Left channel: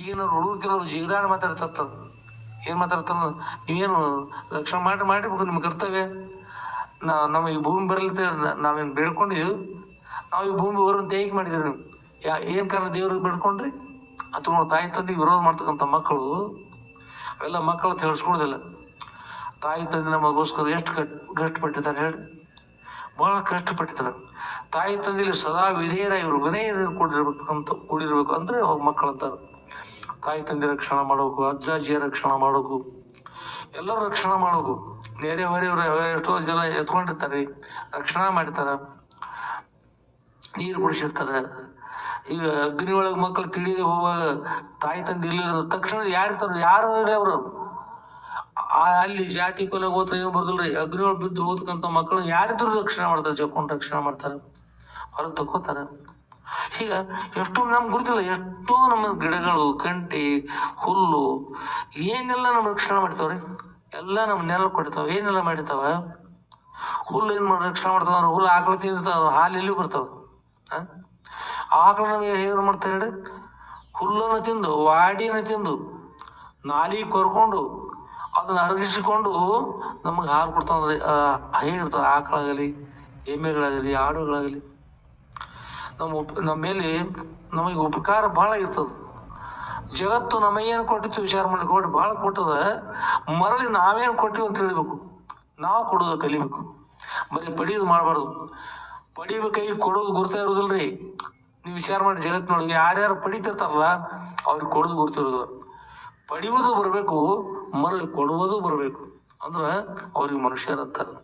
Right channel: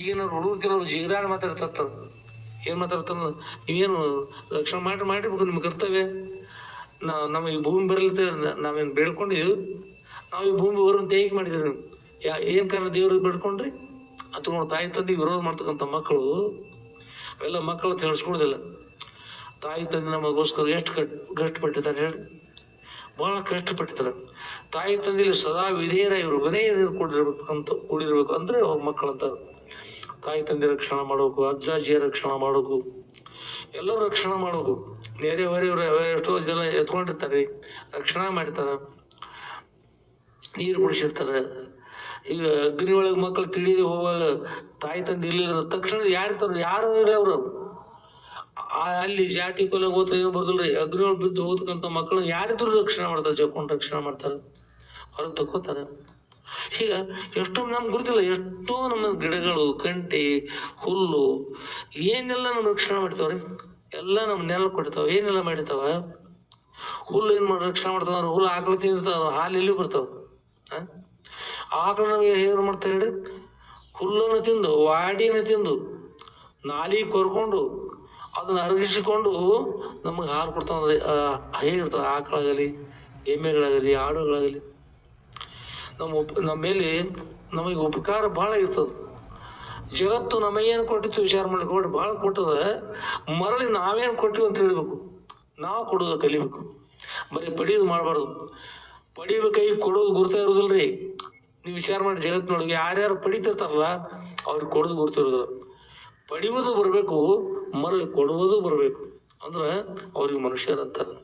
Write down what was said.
ಈಗಿನ ಹುಡುಗರು ಕೆಲವರು ಜಿಗದಾಡಿ ಮಾತಾಡ್ತಾರ ಏನು ಮಾತಾಡ್ತಾರ? ನೀವೇನು ರಕ್ಷಣೆ ಮಾಡಿ ಮಾಡಿರ್ಬೇಕು ನಿಮ್ಮ ಕರ್ತವ್ಯ? ನಾ, ನಮ್ಮ ಈ ಭೂಮಿ ಬರಲಿಕ್ಕೆ ನಾವೇನು ಬೇಡ್ಕೊಂಡಿದ್ದೀವಿ ನಾವು ಈ ಭೂಮಿ ಬರುವಂತ ಹೇಗೆ ಮಾಡಿದ್ರಿ ನೀವು ಯಾ, ಏನು ಕಾರಣ ದೇವ್ರಿಗೆ ಬೇಡ್ಕೊಂಡ್ರಿ? ಅಥವಾ ತಾಯಿ ತಂದೆ ವಿರೋಧ ಮಾಡ್ತಕ್ಕಂಥ ಮಕ್ಕಳು, ಅವೆಲ್ಲ ಮಕ್ಕಳು ತಿಳಿಸ್ಕೊಡೋದಿಲ್ಲ ತಾಯಿ ತಂದೆ ನಮಗೋಸ್ಕರ ಎಷ್ಟು ಕಟ್, ಕಷ್ಟಪಟ್ಟಿದ್ದಾರೆ ಹೇಳಿ. ಭಾಳ ಕಷ್ಟಪಟ್ಟಿದ್ದಾರೆ. ತಾಯಿ ತಂದೆಯಲ್ಲಿ ಸದಾ ವಿಧೇಯರ ಇವರು ವಿನಯ ಕೂಡಿರ್ಬೇಕಂತ, ಕೂಡಿರ್ಬೇಕು ಅಂದರೆ ಅವ್ರ ಮಕ್ಕಳು ಅಂತಾರೆ ತಾಯಿ ತಂದೆ ರಕ್ಷಣೆ ಮಾಡಬೇಕು, ಅಜ್ಜ ಅಜ್ಜಿಯ ರಕ್ಷಣೆ ಮಾಡಬೇಕು, ಎಲ್ಲರೂ ರಕ್ಷಣೆ ಮಾಡಬೇಕು. ನೆರೆ ಹೊರೆಯವರು ಎಷ್ಟೋ ಜನ ಎತ್ಕೊಂಡಿರ್ತಾರೆ, ರಕ್ಷಣೆ ಮಾಡ್ತಾರೆ ನೀರು ಕುಡಿಸಿರ್ತಾರೆ. ಈಗ ಅಗ್ನಿ ಒಳಗೆ ಮಕ್ಕಳು ತಿಳಿದು ಹೋಗುವಾಗ ತಾಯಿ ತಂದೆ ಇರ್ಲಿಲ್ಲ ತಕ್ಷಣ ಯಾರು ಇರ್ತಾರೆ, ಯಾರು ಇರಲಿ ಅವರು. ಅಲ್ಲಿ ಜಾತಿ ಕೊಲೆ ಗೋತ್ರ ಏನು ಬರ್ದಿಲ್ಲ ಅಗ್ನಿ ಒಳಗೆ ಬಿದ್ದು ಹೋಗ್ತಕ್ಕಂಥ ಮಕ್ಕಳು ಯಾರಿದ್ರು ರಕ್ಷಣೆ ಮಾಡ್ತಾರೆ ಜಕ್ಕೊಂಡು ರಕ್ಷಣೆ ಮಾಡ್ತಾರೆ, ಹೊರಗೆ ತಕ್ಕೋತಾರೆ. ಈಗ ಎಷ್ಟು ನಮ್ಗೆ ಗುರುತಿಲ್ಲ, ಎಷ್ಟೋ ನಮ್ಮ ಗಿಡಗಳು, ಕಂಟಿ, ಹುಲ್ಲು, ಏನೆಲ್ಲ ನಮ್ಮ ರಕ್ಷಣೆ ಮಾಡ್ತಾವ್ರಿ? ಎಲ್ಲ ನಮ್ಮ ನೆಲ ಕೊಡ್ತಾವೆ. ಏನೆಲ್ಲ ಮಾಡಿರ್ತಾವ? ಹುಲ್ಲು ಏನು ಮಾಡಿ, ರಕ್ಷಣೆ ಮಾಡ್ತಾವ ಅಂದ್ರೆ ಹುಲ್ಲು ಆಕಳು ತಿಂದಿರ್ತಾವ ಹಾಲು ಎಲ್ಲಿ ಬರ್ತಾವ. ಆಕಳು ನಮಗೆ ಏನು ಮಾಡ್ತಾರೆ ಹೇಳಿ? ಹುಲ್ಲನ್ನು ತಿಂದು ವಾಡಿನ ತಿಂದು ನಾಲಿ ಕೊರ್ಕೊಂಡು, ಅದನ್ನ ಅರಗಿಸಿಕೊಂಡು ನಮಗೆ ಹಾಲು ಕೊಡ್ತಾವಂದ್ರೆ ಹೇಗಿರ್ತಾವ? ಆಕಳಾಗಲಿ, ಎಮ್ಮೆಗಳಾಗಲಿ, ಆಡುಗಳಾಗಲಿ. ನಮ್ಮ ಉಪ್, ನಮ್ಮ ಮೇಲೆ ನಮಗೆ ಉಪಕಾರ ಭಾಳ ಇರ್ತದೆ. ಜಗತ್ತು ನಮಗೇನು ಕೊಟ್ಟಿತ್ತು ವಿಚಾರ ಮಾಡ್ಕೊಂಡು ಭಾಳ ಕೊಟ್ಟದ. ಮರಳಿ ನಾವೇನು ಕೊಟ್ಟಿವಿ ಅಂತ ಹೇಳಬೇಕು ನಾವು ಕೊಡೋದು ಕಲಿಬೇಕು. ಬರೀ ಪಡೆಯೋದು ಮಾಡಬಾರ್ದು. ಪಡಿಬೇಕಾಗಿ ಕೊಡೋದು ಗುರ್ತ ಇರೋದಿಲ್ಲ ರೀ ನೀವು ವಿಚಾರ ಮಾಡಿ ಜಗತ್ತಿನೊಳಗೆ ಯಾರ್ಯಾರು ಪಡಿತಿರ್ತಾರಲ್ಲ, ಅವ್ರಿಗೆ ಕೊಡೋದು ಗುರ್ತಿರೋದಿಲ್ಲ ಪಡಿಯೋದು ಬರಬೇಕು, ಮರಳಿ ಕೊಡುವುದು ಬರಬೇಕು. ಅಂದ್ರೆ ಅವ್ರಿಗೆ ಮನುಷ್ಯರಂತಾರೆ.